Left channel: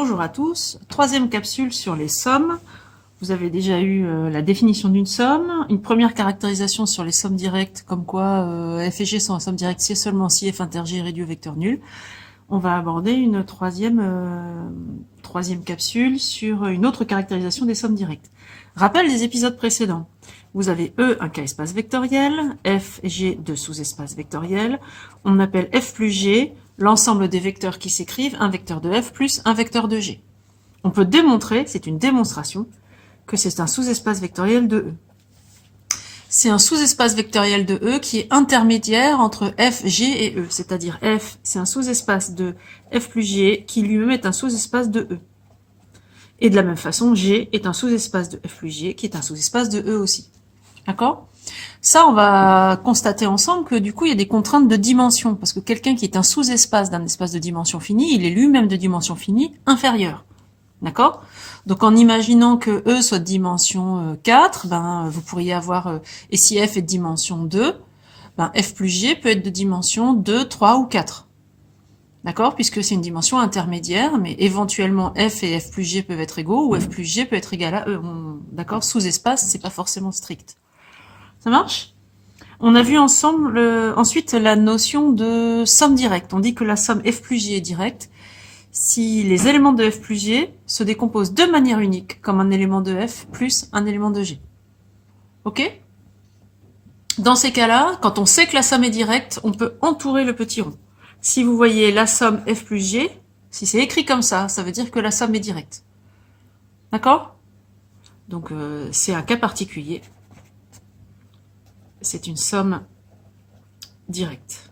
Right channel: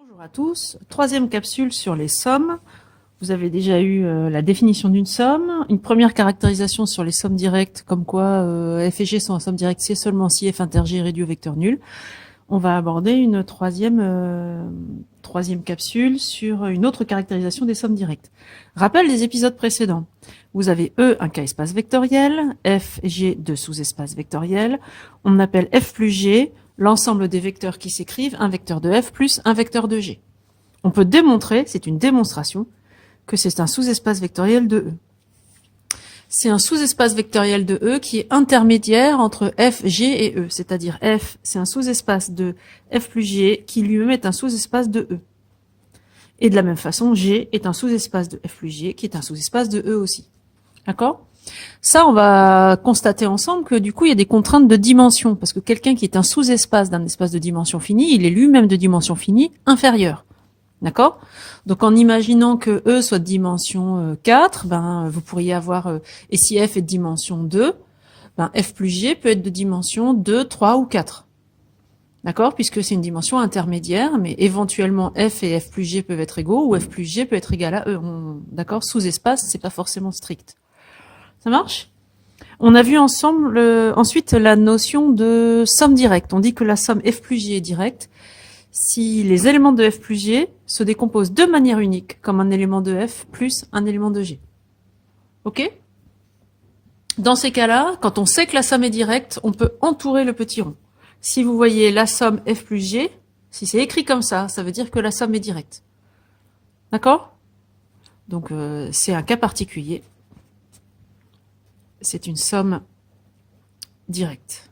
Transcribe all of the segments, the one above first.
Bonjour à tous, troisième capsule sur les sommes. Vous avez déjà eu la définition d'une somme, une première caractérisation sur les sommes directes, comme quoi f et g sont en somme directe si et seulement si f inter g est réduit au vecteur nul. On va aborder une troisième capsule sur une autre caractérisation des sommes directes. Rappel des épisodes précédents. Vous avez E un K-espace vectoriel, F et G deux sous-espaces vectoriels. On appelle F plus G l'ensemble des vecteurs qui s'écrivent un vecteur de F plus un vecteur de G. On peut démontrer, c'est une démonstration, que c'est un sous-espace vectoriel de E. C'est un sous-espace vectoriel de E qui est intermédiaire entre F, G et E, c'est-à-dire F, c'est un sous-espace de F plus G qui lui-même est un sous-espace de E. Et de la même façon, G est un sous-espace de F plus G qui est un sous-espace de E aussi. D'accord ? Ça, on va constater ensemble que du coup, il y a des contraintes de dimension, parce que quelqu'un qui est un sous-espace d'un espace de dimension finie, il est lui-même de dimension finie inférieure. D'accord? Donc en imaginant que E soit de dimension 4, vous pourriez avoir, et si F est de dimension 2, F plus G peut être de dimension 2, 3 ou 4. D'accord? Puisque c'est une dimension intermédiaire, mais éventuellement F et F plus G peuvent être égaux, ou F plus G peut être égal à E. D'accord? Sous-espace, c'est pas forcément strict. Ça marche? On a vu ensemble ensuite la notion de somme directe. On dit que la somme F plus G est directe si les éléments de F plus G se décomposent de manière unique, comme un élément de F plus un élément de G. Ok? Dans ces cas-là, quand on sait que la somme est directe, on peut entourer le petit rond. Si vous voyez la somme F plus G, si c'est écrit comme ça, ça veut dire que la somme est directe. D'accord? Donc c'est un cas particulier. C'est une somme directe.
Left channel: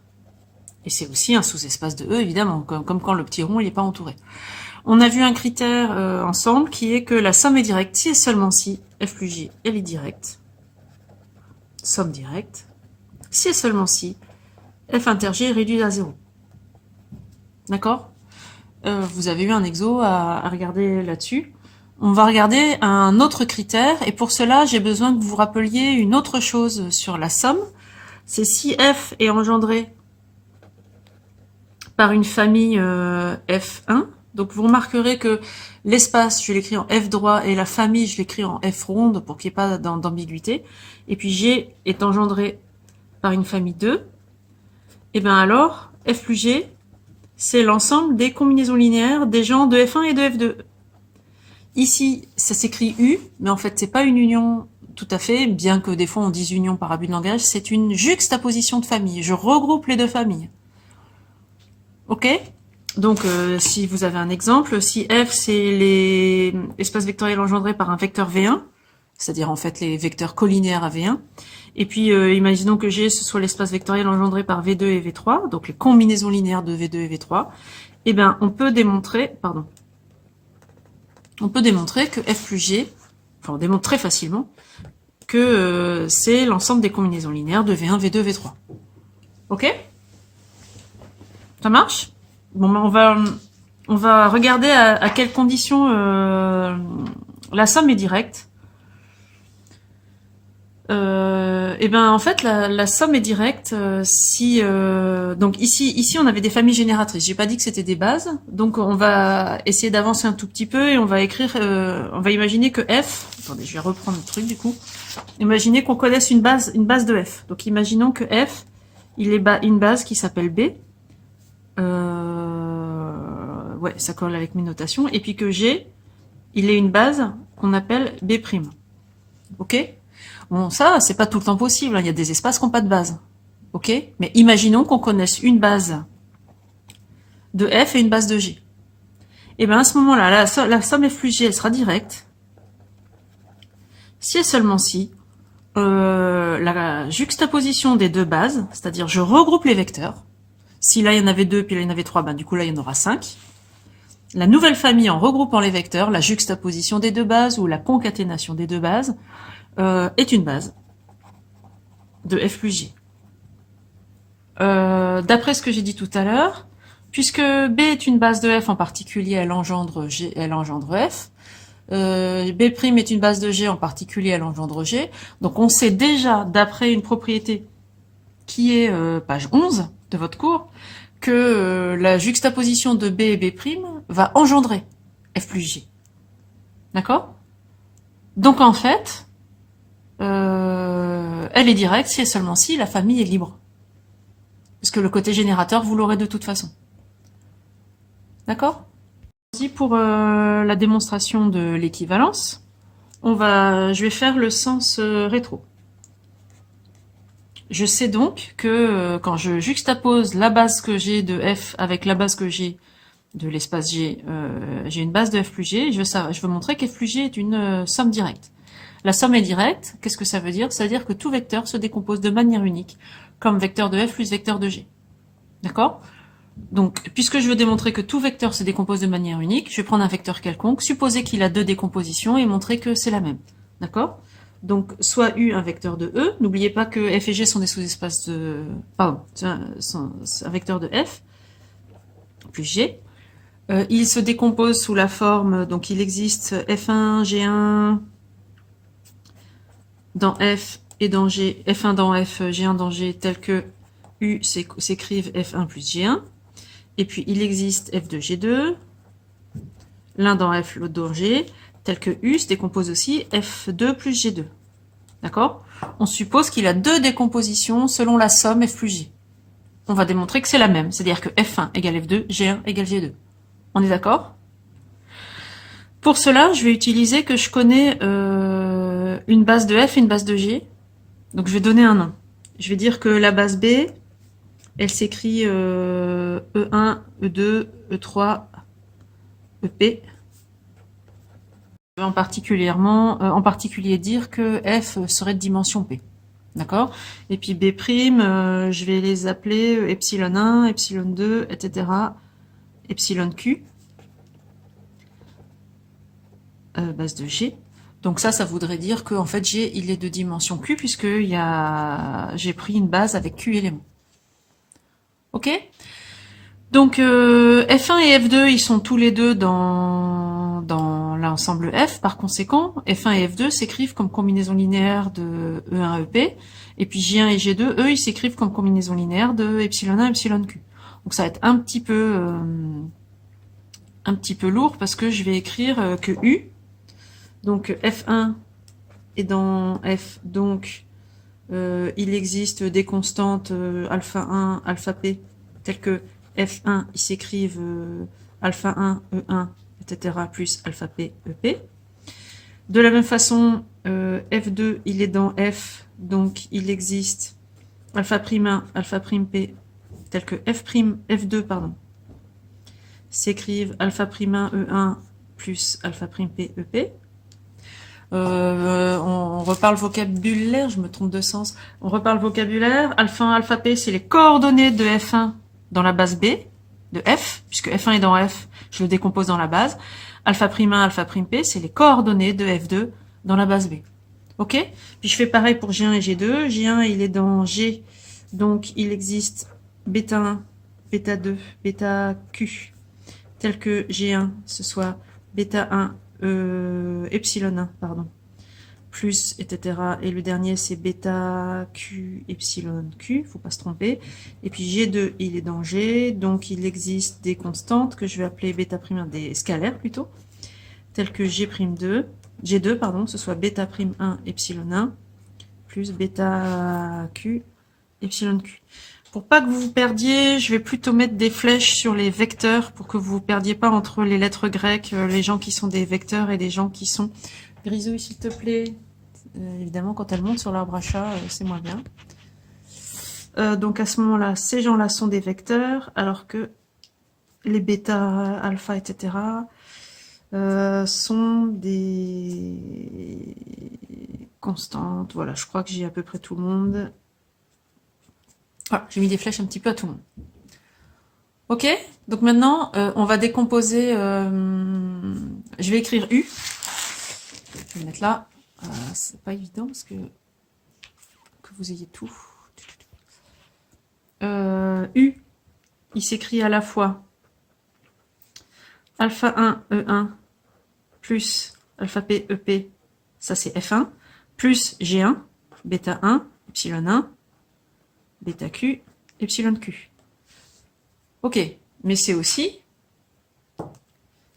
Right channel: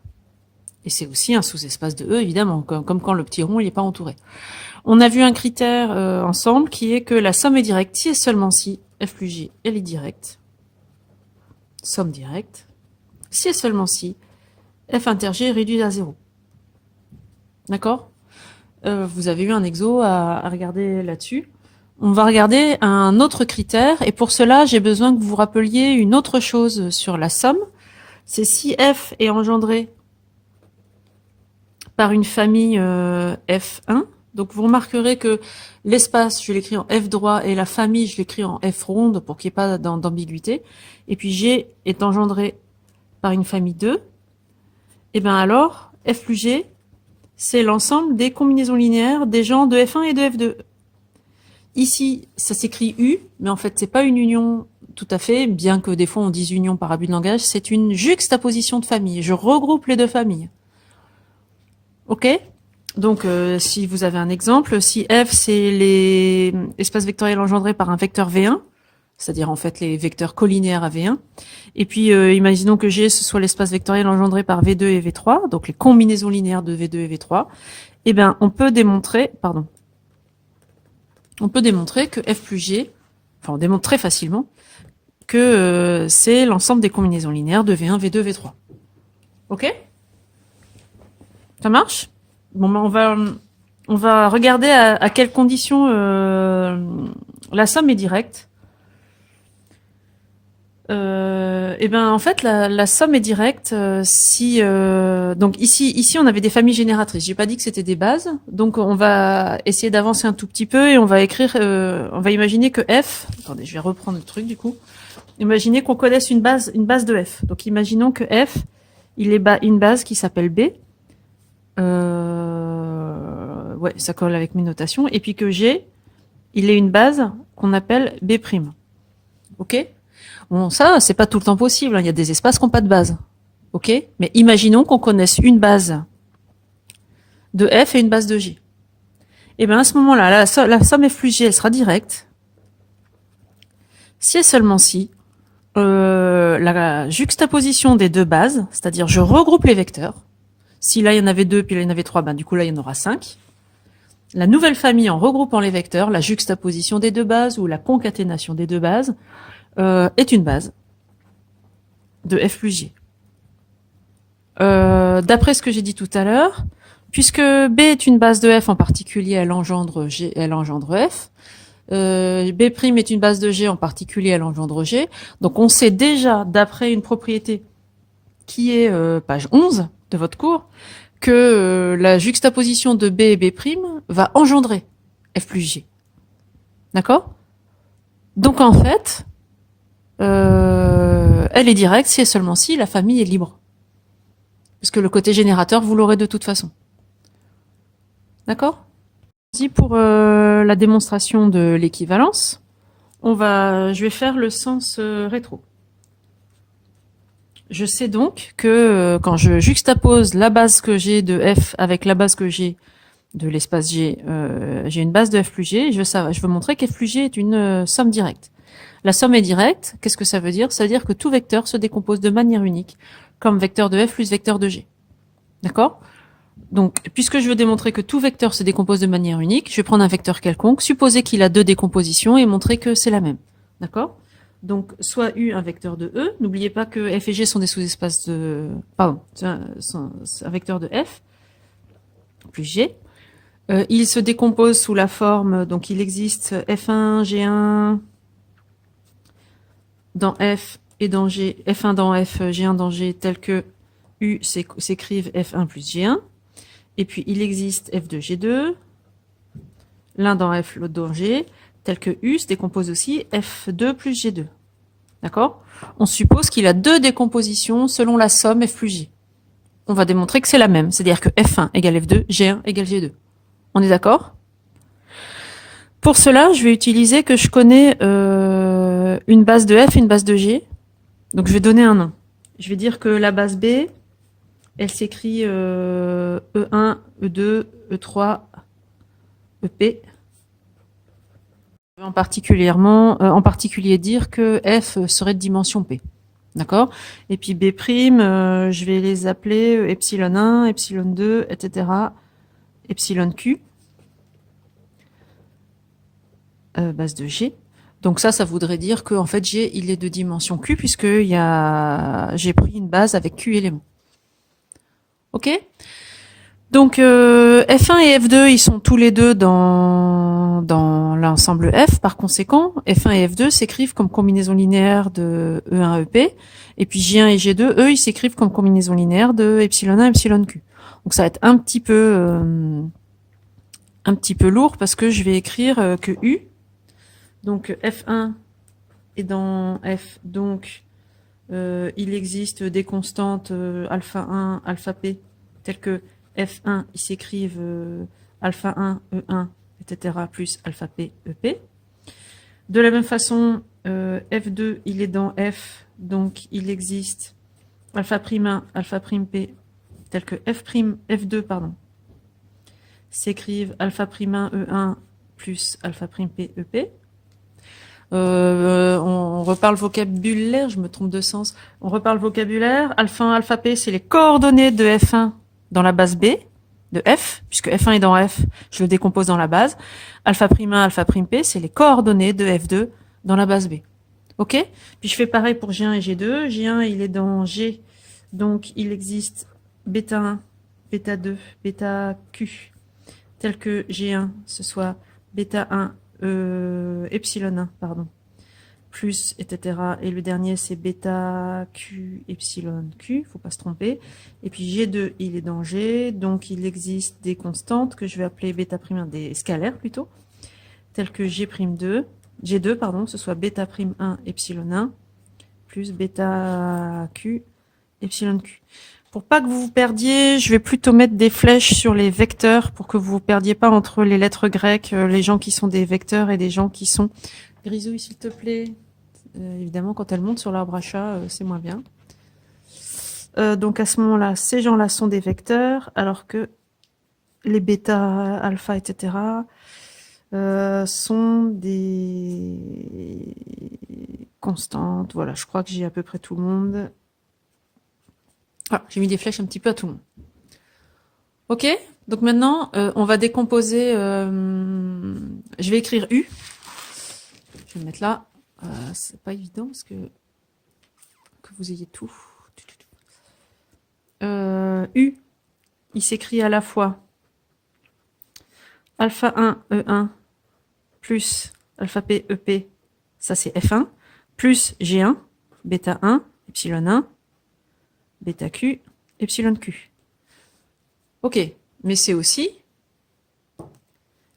Et c'est aussi un sous-espace de E, évidemment, comme quand le petit rond n'est pas entouré. On a vu un critère ensemble qui est que la somme est directe si et seulement si F plus G elle est directe. Somme directe. Si et seulement si F inter G est réduit à 0. D'accord? Vous avez eu un exo à regarder là-dessus. On va regarder un autre critère, et pour cela, j'ai besoin que vous vous rappeliez une autre chose sur la somme. C'est si F est engendré par une famille F1. Donc vous remarquerez que l'espace, je l'écris en F droit, et la famille, je l'écris en F ronde pour qu'il n'y ait pas d'ambiguïté. Et puis G est engendré par une famille 2. Et bien alors, F plus G, c'est l'ensemble des combinaisons linéaires des gens de F1 et de F2. Ici, ça s'écrit U, mais en fait, c'est pas une union tout à fait, bien que des fois on dise union par abus de langage, c'est une juxtaposition de familles. Je regroupe les deux familles. Ok? Donc, si vous avez un exemple, si F, c'est les espaces vectoriels engendrés par un vecteur V1, c'est-à-dire en fait les vecteurs collinéaires à V1, et puis imaginons que G, ce soit l'espace vectoriel engendré par V2 et V3, donc les combinaisons linéaires de V2 et V3, eh bien, on peut démontrer que F plus G, enfin on démontre très facilement, que c'est l'ensemble des combinaisons linéaires de V1, V2, V3. Ok? Ça marche? Bon, on va regarder à quelles conditions la somme est directe. Et ben en fait la somme est directe si donc ici on avait des familles génératrices. J'ai pas dit que c'était des bases, donc on va essayer d'avancer un tout petit peu et on va écrire, on va imaginer que F. Attendez, je vais reprendre le truc du coup. Imaginez qu'on connaisse une base de F. Donc imaginons que F il est une base qui s'appelle B. Ouais, ça colle avec mes notations. Et puis que G il est une base qu'on appelle B'. Ok? Bon, ça, c'est pas tout le temps possible. Il y a des espaces qui n'ont pas de base. Ok? Mais imaginons qu'on connaisse une base de F et une base de G. Et bien à ce moment-là, la somme F plus G, elle sera directe. Si et seulement si la juxtaposition des deux bases, c'est-à-dire je regroupe les vecteurs. Si là il y en avait deux, puis là il y en avait trois, du coup là il y en aura 5. La nouvelle famille en regroupant les vecteurs, la juxtaposition des deux bases ou la concaténation des deux bases, est une base de F plus G. D'après ce que j'ai dit tout à l'heure, puisque B est une base de F en particulier, elle engendre G, elle engendre F. B' est une base de G en particulier, elle engendre G. Donc on sait déjà, d'après une propriété qui est page 11 de votre cours, que la juxtaposition de B et B' va engendrer F plus G. D'accord? Donc en fait, elle est directe si et seulement si la famille est libre. Parce que le côté générateur, vous l'aurez de toute façon. D'accord? Pour la démonstration de l'équivalence, je vais faire le sens rétro. Je sais donc que quand je juxtapose la base que j'ai de f avec la base que j'ai de l'espace G, j'ai une base de f plus G, et je veux montrer qu'f plus G est une somme directe. La somme est directe, qu'est-ce que ça veut dire? Ça veut dire que tout vecteur se décompose de manière unique, comme vecteur de f plus vecteur de G. D'accord? Donc, puisque je veux démontrer que tout vecteur se décompose de manière unique, je vais prendre un vecteur quelconque, supposer qu'il a deux décompositions et montrer que c'est la même. D'accord? Donc, soit U un vecteur de E, n'oubliez pas que f et G sont des sous-espaces de... Pardon, c'est un vecteur de f plus G. Il se décompose sous la forme, donc il existe F1, G1 dans F et dans G, F1 dans F, G1 dans G, tel que U s'écrive F1 plus G1. Et puis il existe F2, G2, l'un dans F, l'autre dans G, tel que U se décompose aussi F2 plus G2. D'accord? On suppose qu'il a deux décompositions selon la somme F plus G. On va démontrer que c'est la même, c'est-à-dire que F1 égale F2, G1 égale G2. On est d'accord? Pour cela, je vais utiliser que je connais une base de F et une base de G. Donc je vais donner un nom. Je vais dire que la base B, elle s'écrit E1, E2, E3, EP. Je vais en particulier dire que F serait de dimension P. D'accord? Et puis B', je vais les appeler epsilon 1, epsilon 2, etc. Epsilon Q. Base de G. Donc ça voudrait dire que en fait G il est de dimension Q puisque j'ai pris une base avec Q éléments. Ok? Donc F1 et F2 ils sont tous les deux dans l'ensemble F. Par conséquent, F1 et F2 s'écrivent comme combinaison linéaire de E1 EP. Et puis J1 et G2, eux, ils s'écrivent comme combinaison linéaire de epsilon 1 epsilon Q. Donc ça va être un petit peu lourd parce que je vais écrire que U. Donc F1 est dans F, donc il existe des constantes alpha 1, alpha p, telles que F1, ils s'écrivent alpha 1, E1, etc., plus alpha p, EP. De la même façon, F2, il est dans F, donc il existe alpha prime 1, alpha prime p, telles que F2, s'écrivent alpha prime 1, E1, plus alpha prime p, EP. On reparle vocabulaire, je me trompe de sens. On reparle vocabulaire. Alpha 1, alpha p, c'est les coordonnées de F1 dans la base B de F, puisque F1 est dans F, je le décompose dans la base. Alpha prime 1, alpha prime p, c'est les coordonnées de F2 dans la base B. Ok? Puis je fais pareil pour G1 et G2. G1, il est dans G, donc il existe bêta 1, bêta 2, bêta Q, tel que G1, ce soit bêta 1, epsilon 1, pardon, plus, etc. Et le dernier, c'est bêta Q, epsilon Q, faut pas se tromper. Et puis G2, il est dans G, donc il existe des constantes que je vais appeler bêta prime, des scalaires plutôt, telles que G'2, G2, pardon, que ce soit bêta prime 1, epsilon 1, plus bêta Q, epsilon Q. Pour pas que vous vous perdiez, je vais plutôt mettre des flèches sur les vecteurs pour que vous vous perdiez pas entre les lettres grecques, les gens qui sont des vecteurs et des gens qui sont... Grisouille, s'il te plaît. Évidemment, quand elle monte sur l'arbre à chat, c'est moins bien. Donc à ce moment-là, ces gens-là sont des vecteurs, alors que les bêta, alpha, etc. Sont des constantes. Voilà, je crois que j'ai à peu près tout le monde. Voilà, j'ai mis des flèches un petit peu à tout le monde. Ok? Donc maintenant, on va décomposer... je vais écrire U. Je vais le mettre là. C'est pas évident parce que vous ayez tout. U, il s'écrit à la fois alpha 1, E1, plus alpha P, EP, ça c'est F1, plus G1, bêta 1, epsilon 1, bêta Q, epsilon Q. Ok, mais c'est aussi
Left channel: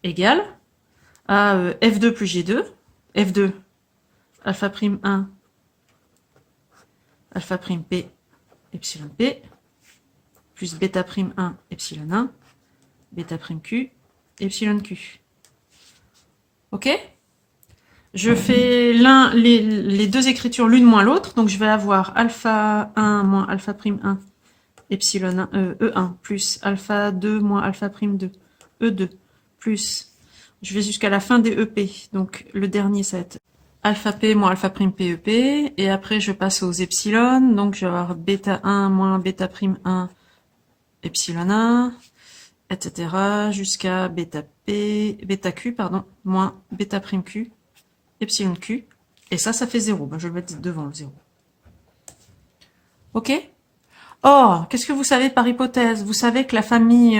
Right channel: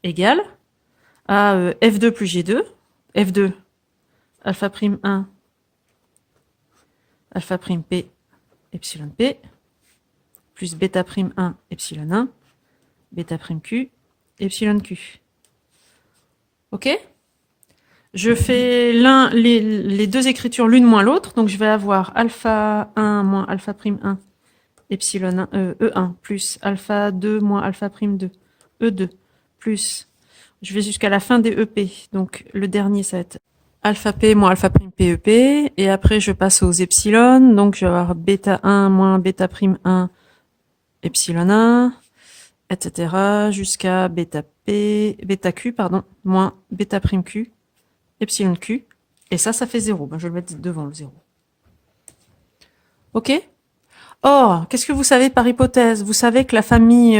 égal à F2 plus G2. F2, alpha prime 1, alpha prime P, epsilon P, plus bêta prime 1, epsilon 1, bêta prime Q, epsilon Q. Ok? Je fais les deux écritures l'une moins l'autre, donc je vais avoir alpha 1 moins alpha prime 1, epsilon 1, E1, plus alpha 2 moins alpha prime 2, E2, plus, je vais jusqu'à la fin des EP, donc le dernier ça va être alpha P moins alpha prime PEP, et après je passe aux epsilon, donc je vais avoir bêta 1 moins bêta prime 1, epsilon 1, etc. jusqu'à bêta Q, pardon, moins bêta prime Q, epsilon Q, et ça fait 0. Ben, je vais le mettre devant le 0. Ok? Or, qu'est-ce que vous savez par hypothèse? Vous savez que la famille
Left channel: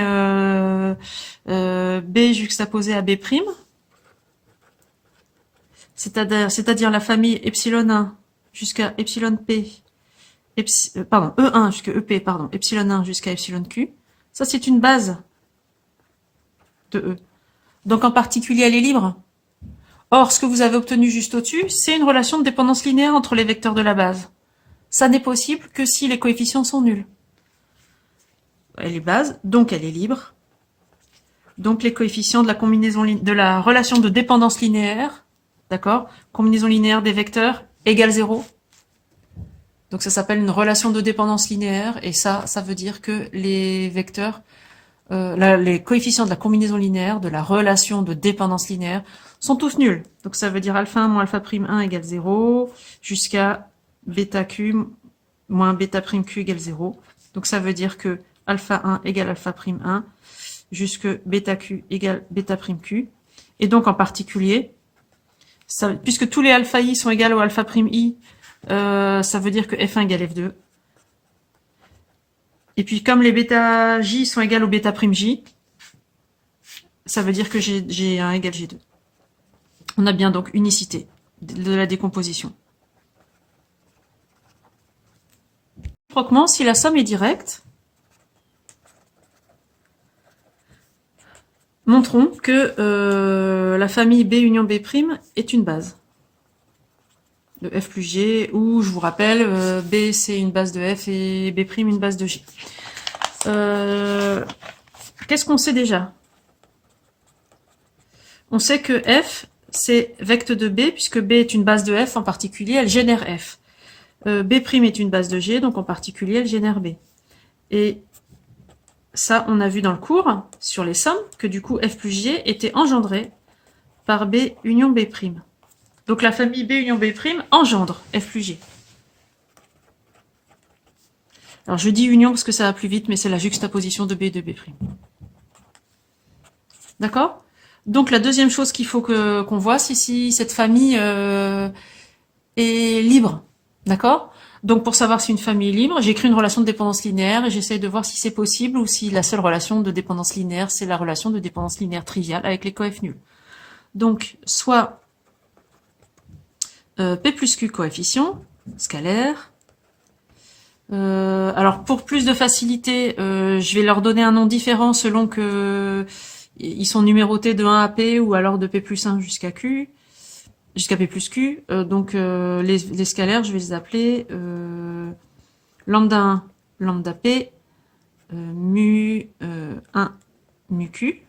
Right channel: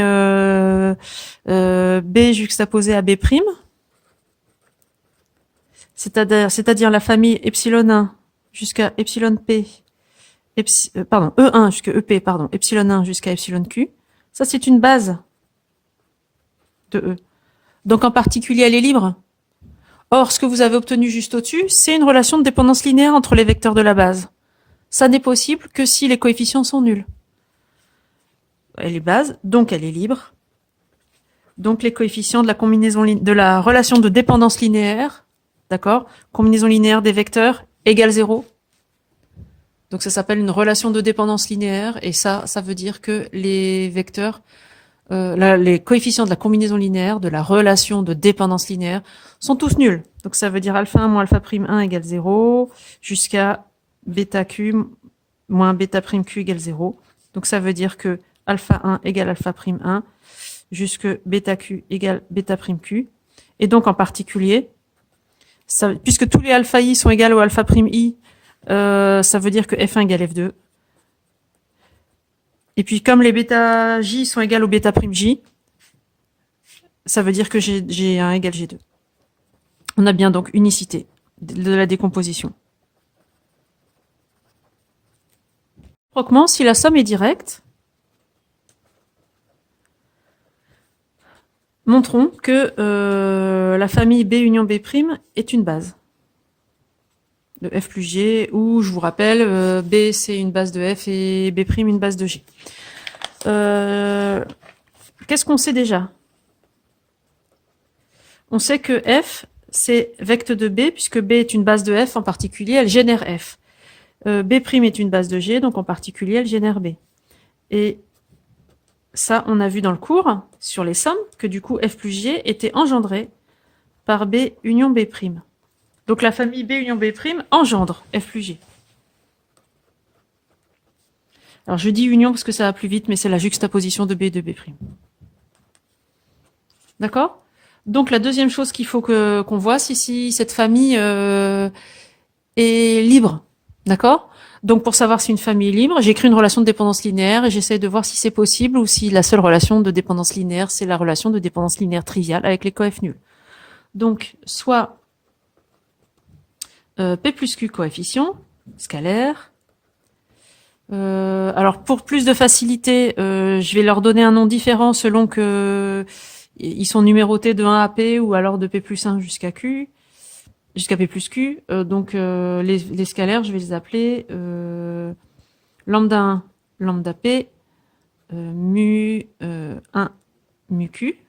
B juxtaposée à B', c'est-à-dire la famille epsilon 1 jusqu'à epsilon P, pardon, E1 jusqu'à EP, pardon, epsilon 1 jusqu'à epsilon Q, ça c'est une base de E. Donc en particulier, elle est libre. Or, ce que vous avez obtenu juste au-dessus, c'est une relation de dépendance linéaire entre les vecteurs de la base. Ça n'est possible que si les coefficients sont nuls. Elle est base, donc elle est libre. Donc les coefficients de la combinaison de la relation de dépendance linéaire, d'accord, combinaison linéaire des vecteurs égale 0. Donc ça s'appelle une relation de dépendance linéaire, et ça veut dire que les vecteurs, les coefficients de la combinaison linéaire, de la relation de dépendance linéaire, sont tous nuls. Donc ça veut dire alpha 1 moins alpha prime 1 égale 0, jusqu'à bêta q moins bêta prime q égale 0. Donc ça veut dire que alpha 1 égale alpha prime 1, jusque bêta q égale bêta prime q. Et donc en particulier, puisque tous les alpha i sont égaux au alpha prime i, ça veut dire que f1 égale f2. Et puis comme les bêta j sont égales au bêta prime j, ça veut dire que G1 égale G2. On a bien donc unicité de la décomposition. Réciproquement, si la somme est directe, montrons que la famille B union B' est une base de F plus G, où je vous rappelle, B c'est une base de F et B' une base de G. Qu'est-ce qu'on sait déjà? On sait que F c'est vecteur de B, puisque B est une base de F en particulier, elle génère F. B' est une base de G, donc en particulier elle génère B. Et ça, on a vu dans le cours, sur les sommes, que du coup F plus G était engendré par B union B'. Donc la famille B union B' engendre F plus G. Alors je dis union parce que ça va plus vite, mais c'est la juxtaposition de B et de B'. D'accord? Donc la deuxième chose qu'il faut qu'on voit, c'est si cette famille est libre. D'accord? Donc pour savoir si une famille est libre, j'écris une relation de dépendance linéaire et j'essaie de voir si c'est possible ou si la seule relation de dépendance linéaire, c'est la relation de dépendance linéaire triviale avec les coefs nuls. Donc soit P plus Q coefficient, scalaire. Alors pour plus de facilité, je vais leur donner un nom différent selon que ils sont numérotés de 1 à P ou alors de P plus 1 jusqu'à Q, jusqu'à P plus Q. Donc les scalaires, je vais les appeler lambda 1, lambda P, mu 1, mu Q.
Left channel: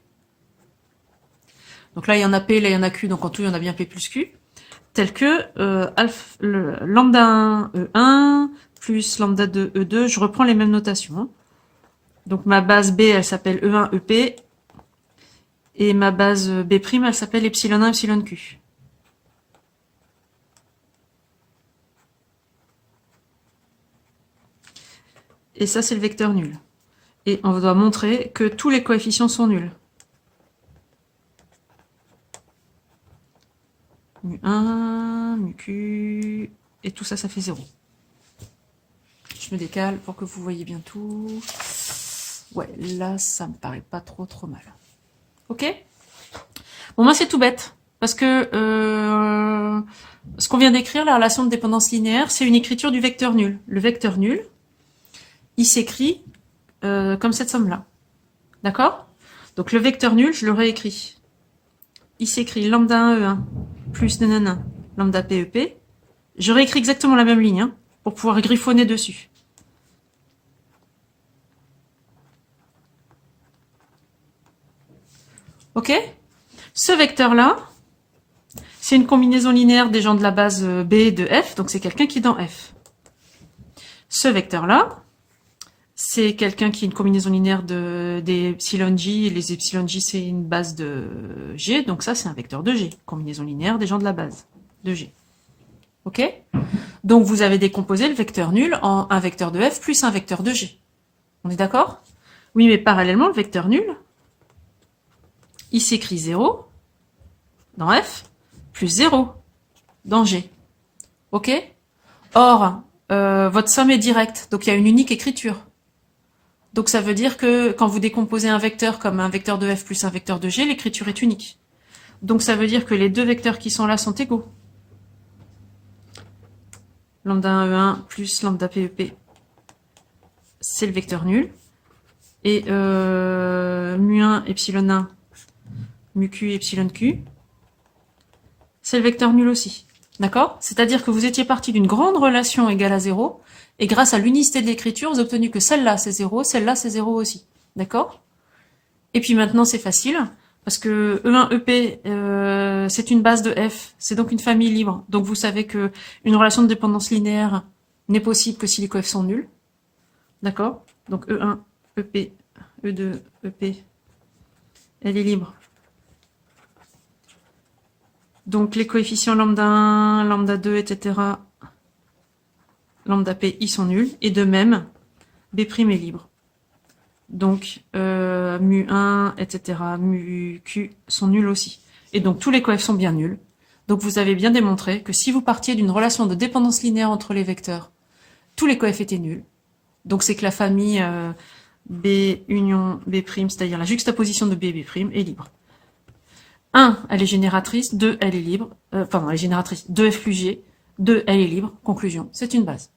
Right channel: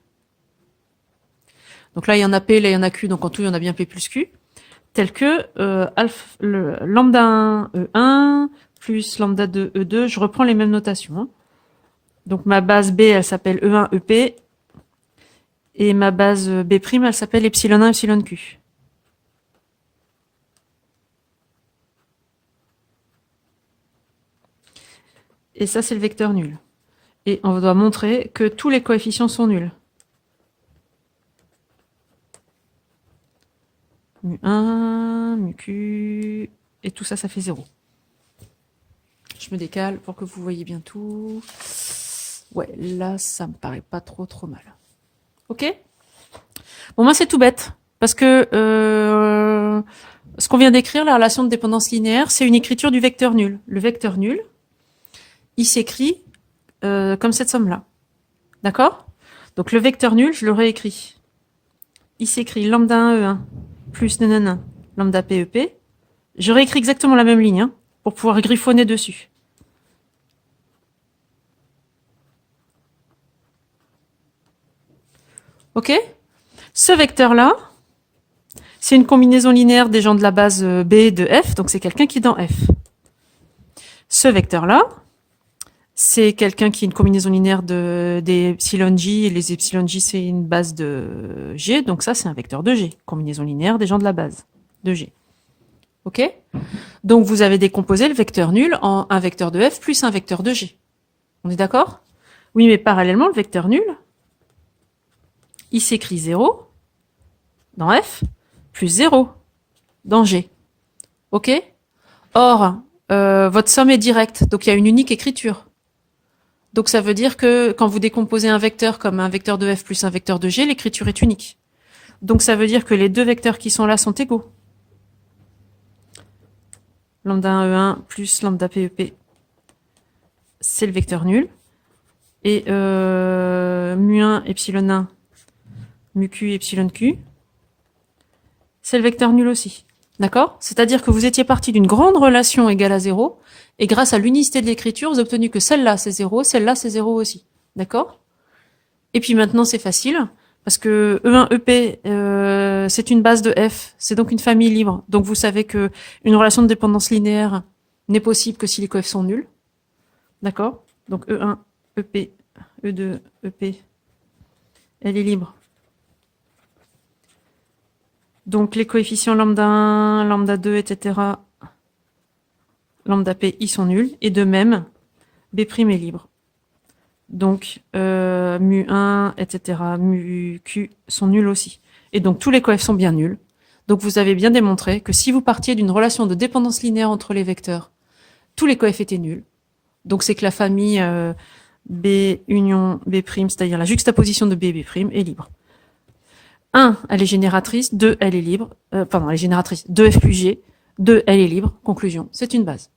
Donc là, il y en a P, là, il y en a Q, donc en tout, il y en a bien P plus Q. Tel que lambda 1, E1, plus lambda 2, E2, je reprends les mêmes notations. Hein. Donc ma base B, elle s'appelle E1, EP, et ma base B', elle s'appelle epsilon 1, epsilon Q. Et ça, c'est le vecteur nul. Et on doit montrer que tous les coefficients sont nuls. Mu1, mu Q, et tout ça, ça fait 0. Je me décale pour que vous voyez bien tout. Ouais, là, ça me paraît pas trop mal. Ok? Bon, moi, c'est tout bête. Parce que ce qu'on vient d'écrire, la relation de dépendance linéaire, c'est une écriture du vecteur nul. Le vecteur nul, il s'écrit comme cette somme-là. D'accord? Donc le vecteur nul, je le réécris. il s'écrit lambda 1 E1 plus nanana lambda PEP. Je réécris exactement la même ligne hein, pour pouvoir griffonner dessus. Ok? Ce vecteur-là, c'est une combinaison linéaire des gens de la base B de F, donc c'est quelqu'un qui est dans F. Ce vecteur-là, c'est quelqu'un qui est une combinaison linéaire des epsilon J, et les epsilon J, c'est une base de G, donc ça, c'est un vecteur de G, combinaison linéaire des gens de la base de G. Ok? Donc, vous avez décomposé le vecteur nul en un vecteur de F plus un vecteur de G. On est d'accord? Oui, mais parallèlement, le vecteur nul, il s'écrit 0 dans F plus 0 dans G. Ok? Or, votre somme est directe, donc il y a une unique écriture. Donc ça veut dire que quand vous décomposez un vecteur comme un vecteur de F plus un vecteur de G, l'écriture est unique. Donc ça veut dire que les deux vecteurs qui sont là sont égaux. Lambda 1 E1 plus lambda PEP, c'est le vecteur nul. Et mu1 epsilon 1, mu q epsilon q, c'est le vecteur nul aussi. D'accord? C'est-à-dire que vous étiez parti d'une grande relation égale à 0, et grâce à l'unicité de l'écriture, vous avez obtenu que celle-là c'est 0, celle-là c'est 0 aussi. D'accord? Et puis maintenant c'est facile, parce que E1, EP, c'est une base de F, c'est donc une famille libre. Donc vous savez que une relation de dépendance linéaire n'est possible que si les coefs sont nuls. D'accord? Donc E1, EP, E2, EP, elle est libre. Donc les coefficients lambda 1, lambda 2, etc., lambda p, ils sont nuls. Et de même, B' est libre. Donc mu 1, etc., mu q sont nuls aussi. Et donc tous les coefs sont bien nuls. Donc vous avez bien démontré que si vous partiez d'une relation de dépendance linéaire entre les vecteurs, tous les coefs étaient nuls. Donc c'est que la famille B union B', c'est-à-dire la juxtaposition de B et B' est libre. 1, elle est génératrice. 2, elle est libre. Elle est génératrice. 2F plus G. 2, elle est libre. Conclusion, c'est une base.